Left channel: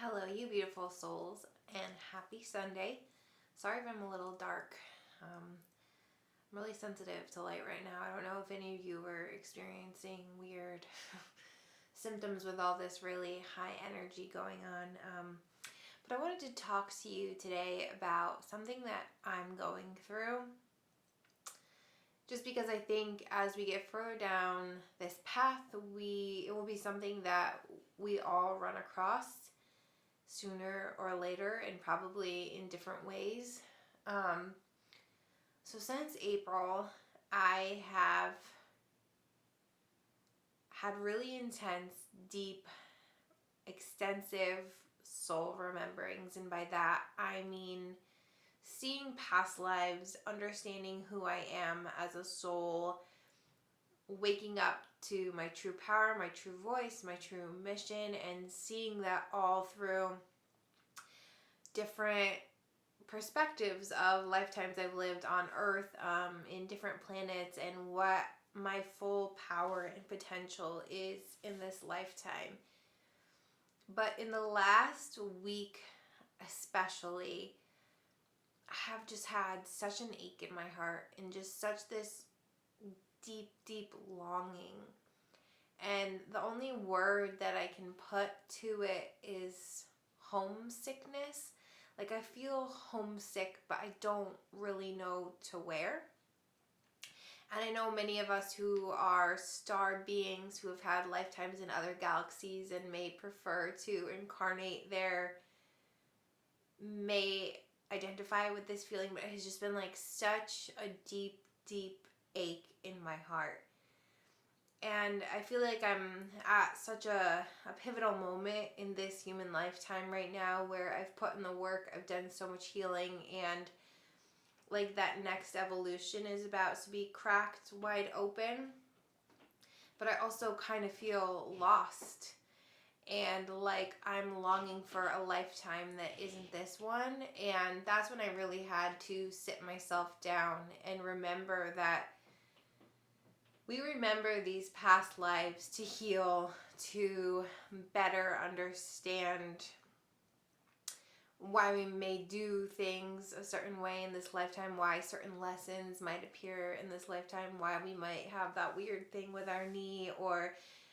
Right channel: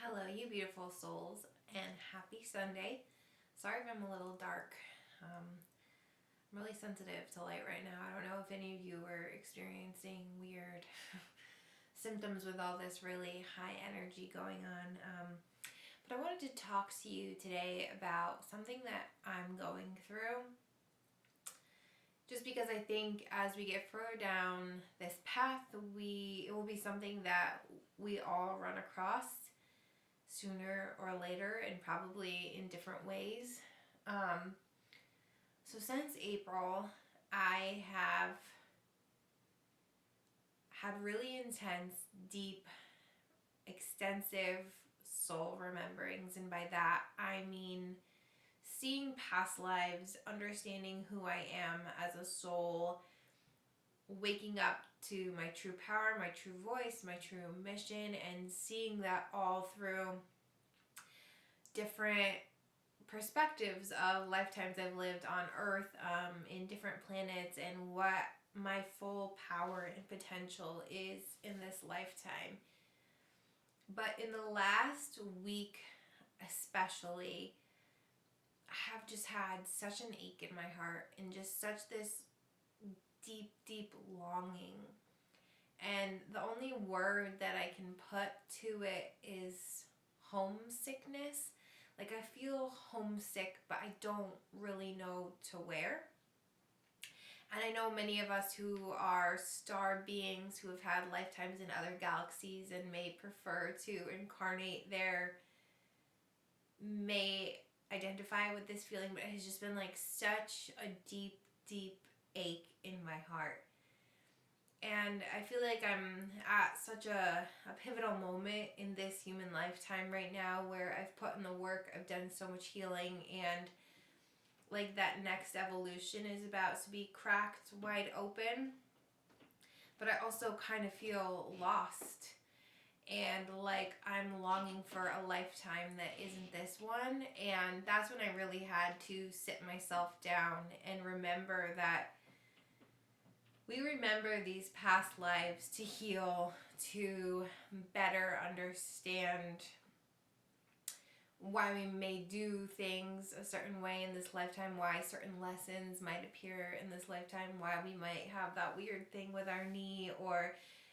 Hello, you beautiful souls, and happy Sunday. Sorry if I'm a little dark. I'm really sensitive to light right now. I don't know if any of you are experiencing weird symptoms with all this really high energy going on. But I wanted to talk to you today about something that I'm going through. Just because I think as we get further down this path, it will be something that we all run across sooner or later, and probably in different ways. So since April, I have had really intense, deep, extensive soul rememberings. And by that, I mean seeing past lives, understanding who I am as a soul, waking up to my true power, my true voice, my true mission, and seeing that all through different perspectives of lifetimes I've lived on Earth, in different planets, and what my full power and potential is in this lifetime. But in the last week, especially, I have just had such an ache in my heart and just such this deep, deep longing. And the only word that I can put to it is homesickness. Like, I feel homesick, but I don't really know to where. And I know many of us who are star beings who have had lifetimes in other galaxies and may prefer to incarnate there may identify with this feeling, but it has just been like such a deep, deep ache in my heart. And I feel like I'm at such a pivotal moment in this human lifetime right now where I've put in the work, I've done so much healing, and like that next evolution is about to be cracked wide open. But I also kind of feel lost and like I'm longing for a lifetime that isn't this one. And that's when I really had to sit myself down and remember that we remember these past lives to heal, to better understand why we may do things a certain way in this lifetime, why certain lessons might appear in this lifetime, why we might have that weird thing with our knee, or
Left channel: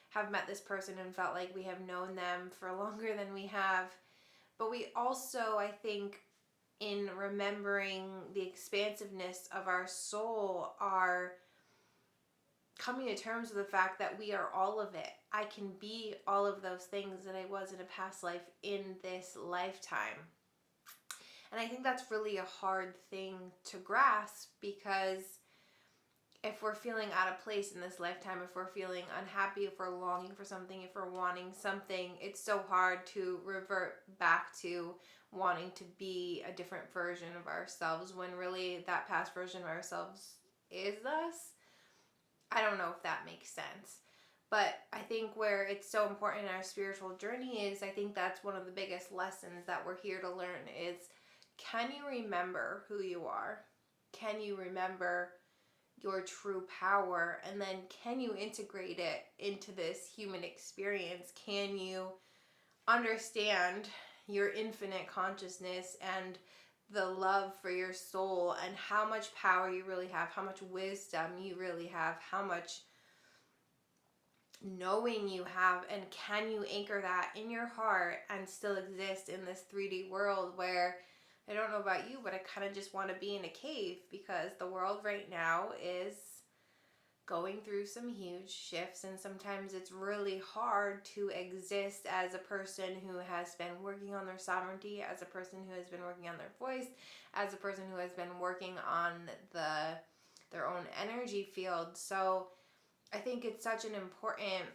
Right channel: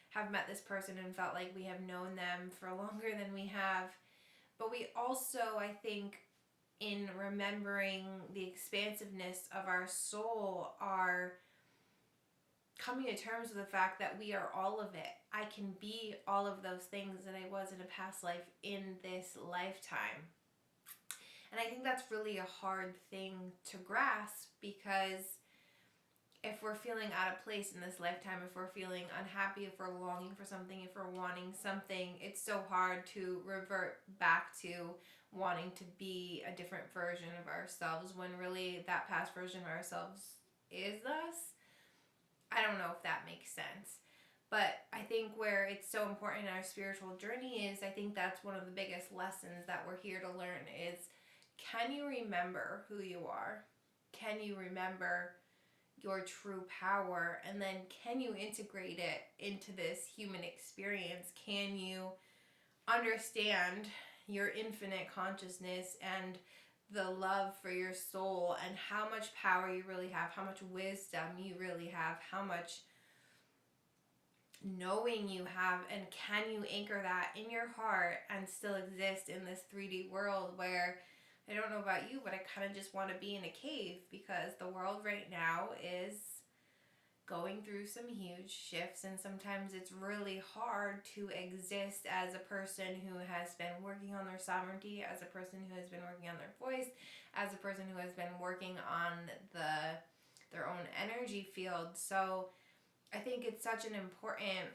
have met this person and felt like we have known them for longer than we have. But we also, I think, in remembering the expansiveness of our soul, are coming to terms with the fact that we are all of it. I can be all of those things that I was in a past life in this lifetime. And I think that's really a hard thing to grasp, because if we're feeling out of place in this lifetime, if we're feeling unhappy, if we're longing for something, if we're wanting something, it's so hard to revert back to wanting to be a different version of ourselves when really that past version of ourselves is us. I don't know if that makes sense. But I think where it's so important in our spiritual journey is, I think that's one of the biggest lessons that we're here to learn is, can you remember who you are? Can you remember your true power? And then can you integrate it into this human experience? Can you understand your infinite consciousness and the love for your soul, and how much power you really have, how much wisdom you really have, how much knowing you have, and can you anchor that in your heart and still exist in this 3D world where, I don't know about you, but I kind of just want to be in a cave, because the world right now is going through some huge shifts, and sometimes it's really hard to exist as a person who has been working on their sovereignty, as a person who has been working on their voice, as a person who has been working on their own energy field. So I think it's such an important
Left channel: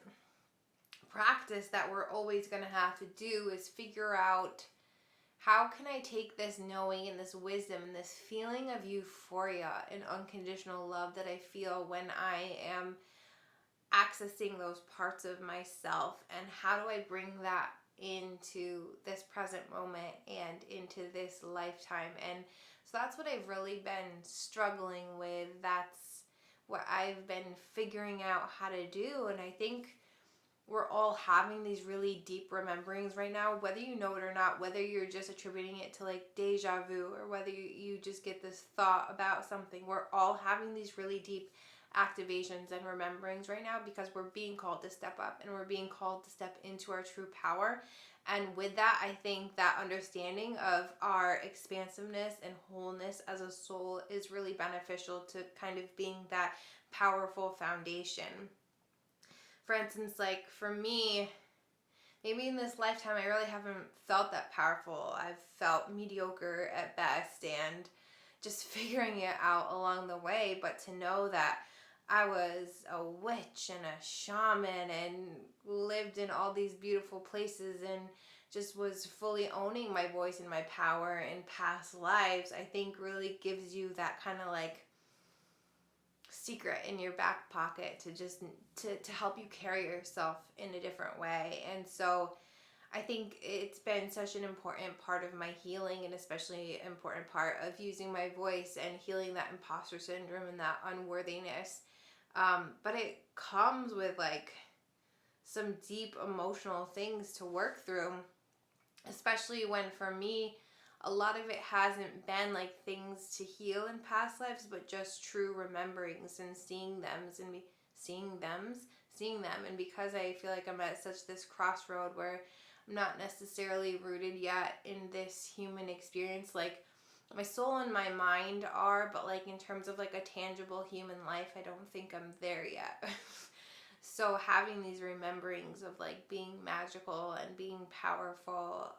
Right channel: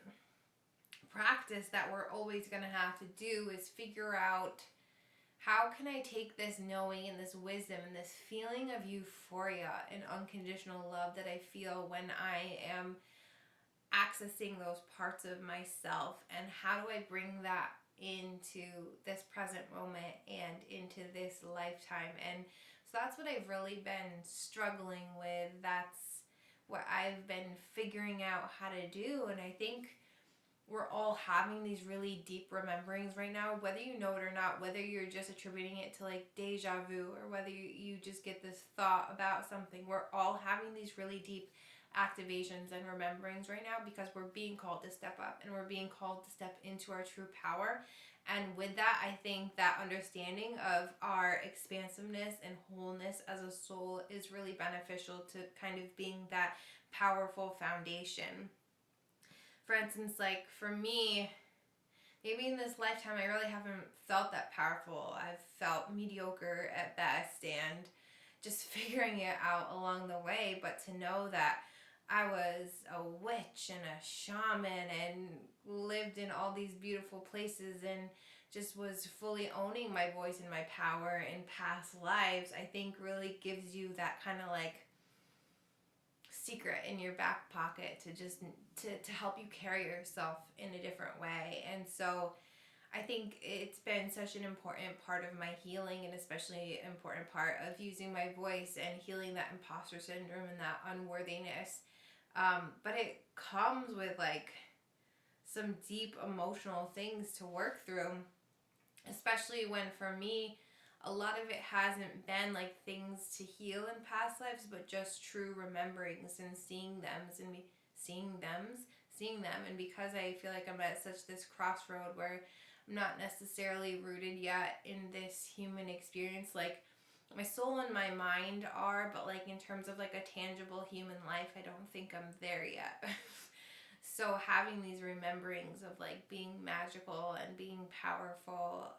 practice that we're always going to have to do, is figure out, how can I take this knowing and this wisdom and this feeling of euphoria and unconditional love that I feel when I am accessing those parts of myself, and how do I bring that into this present moment and into this lifetime? And so that's what I've really been struggling with. That's what I've been figuring out how to do. And I think we're all having these really deep rememberings right now, whether you know it or not, whether you're just attributing it to like deja vu, or whether you just get this thought about something. We're all having these really deep activations and rememberings right now because we're being called to step up, and we're being called to step into our true power. And with that, I think that understanding of our expansiveness and wholeness as a soul is really beneficial to kind of being that powerful foundation. For instance, like for me, maybe in this lifetime, I really haven't felt that powerful. I've felt mediocre at best and just figuring it out along the way. But to know that I was a witch and a shaman and lived in all these beautiful places and just was fully owning my voice and my power in past lives, I think really gives you that kind of like secret in your back pocket to just to help you carry yourself in a different way. And so I think it's been such an important part of my healing, and especially an important part of using my voice and healing that imposter syndrome and that unworthiness. But it comes with like some deep emotional things to work through, especially when for me, a lot of it hasn't been like things to heal in past lives, but just true rememberings and seeing them and seeing them. And because I feel like I'm at such this crossroad where I'm not necessarily rooted yet in this human experience, like my soul and my mind are, but like in terms of like a tangible human life, I don't think I'm there yet. So having these rememberings of like being magical and being powerful,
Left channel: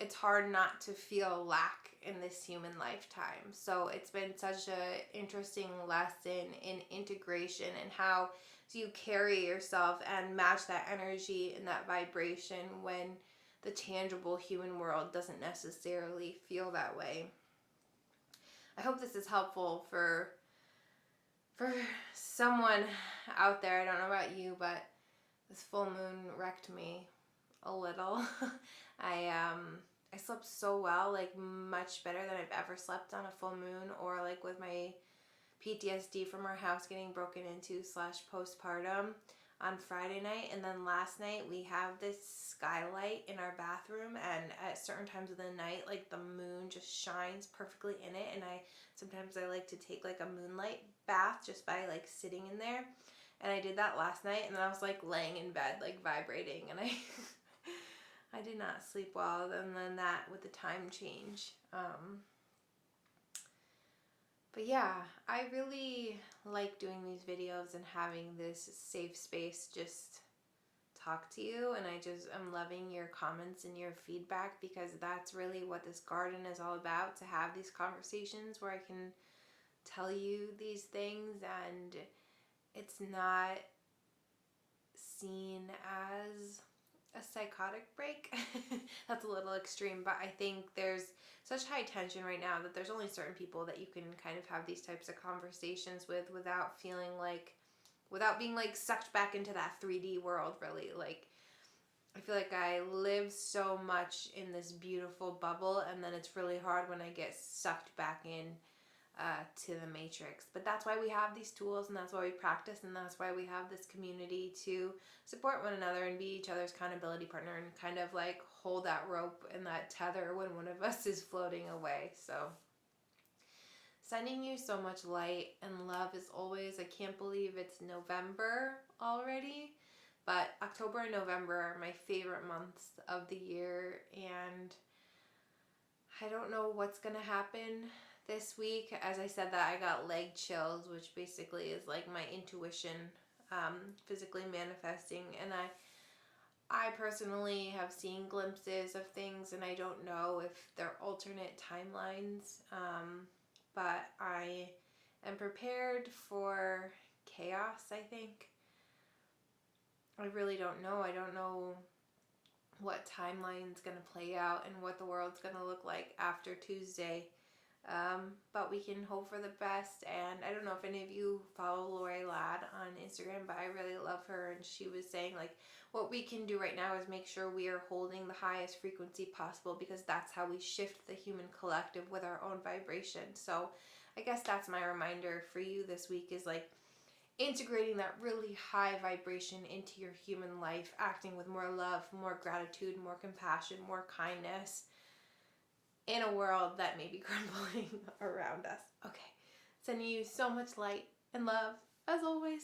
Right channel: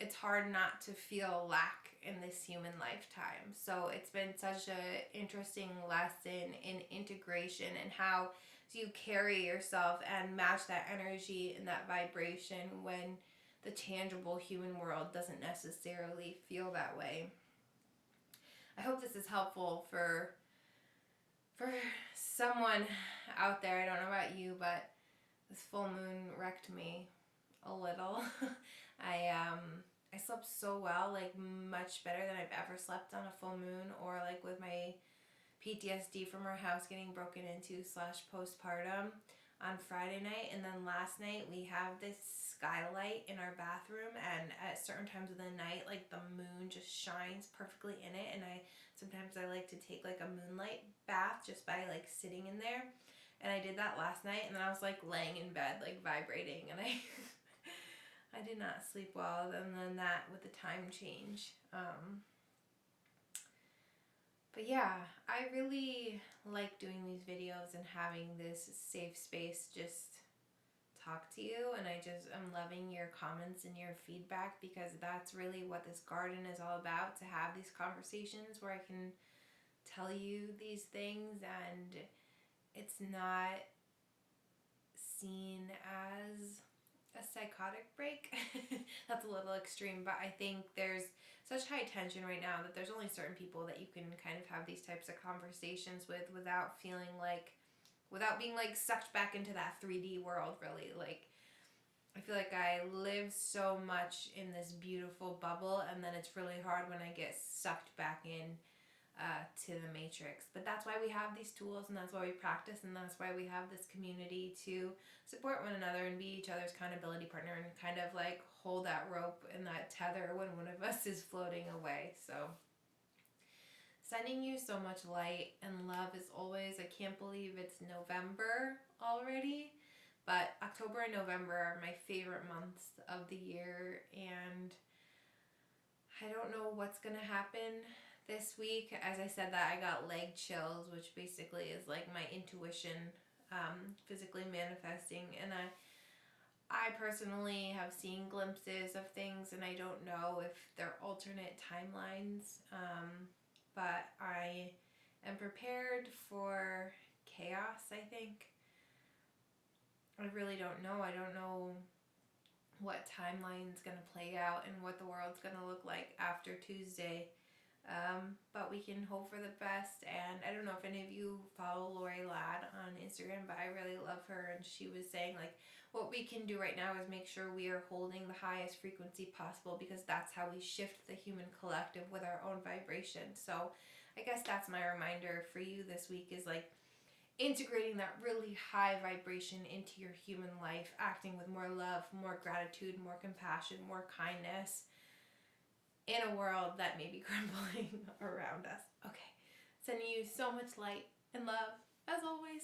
it's hard not to feel lack in this human lifetime. So it's been such a interesting lesson in integration and how you carry yourself and match that energy and that vibration when the tangible human world doesn't necessarily feel that way. I hope this is helpful for someone out there. I don't know about you, but this full moon wrecked me a little. I slept so well, like much better than I've ever slept on a full moon, or like with my PTSD from our house getting broken into / postpartum on Friday night. And then last night we have this skylight in our bathroom, and at certain times of the night, like the moon just shines perfectly in it. And sometimes I like to take like a moonlight bath just by like sitting in there. And I did that last night, and then I was like laying in bed like vibrating, and I I did not sleep well. And then that with the time change. But yeah, I really like doing these videos and having this safe space just talk to you. And I'm loving your comments and your feedback, because that's really what this garden is all about, to have these conversations where I can tell you these things and it's not seen as a psychotic break. That's a little extreme, but I think there's such high tension right now that there's only certain people that you can kind of have these types of conversations with without being like sucked back into that 3D world, really. Like I feel like I live so much in this beautiful bubble, and then it's really hard when I get sucked back in to the matrix. But that's why we have these tools, and that's why we practice, and that's why we have this community to support one another and be each other's accountability partner, and kind of like hold that rope and that tether when one of us is floating away. So sending you so much light and love as always. I can't believe it's November already, but October and November are my favorite months of the year, and I don't know what's gonna happen this week. As I said that, I got leg chills, which basically is like my intuition physically manifesting. And I personally have seen glimpses of things, and I don't know if they're alternate timelines, but I am prepared for chaos, I think. I really don't know. I don't know what timeline's going to play out and what the world's going to look like after Tuesday. But we can hope for the best. And I don't know if any of you follow Lori Ladd on Instagram, but I really love her. And she was saying like, what we can do right now is make sure we are holding the highest frequency possible, because that's how we shift the human collective with our own vibration. So I guess that's my reminder for you this week, is like, integrating that really high vibration into your human life, acting with more love, more gratitude, more compassion, more kindness in a world that may be crumbling around us. Okay, sending you so much light and love as always.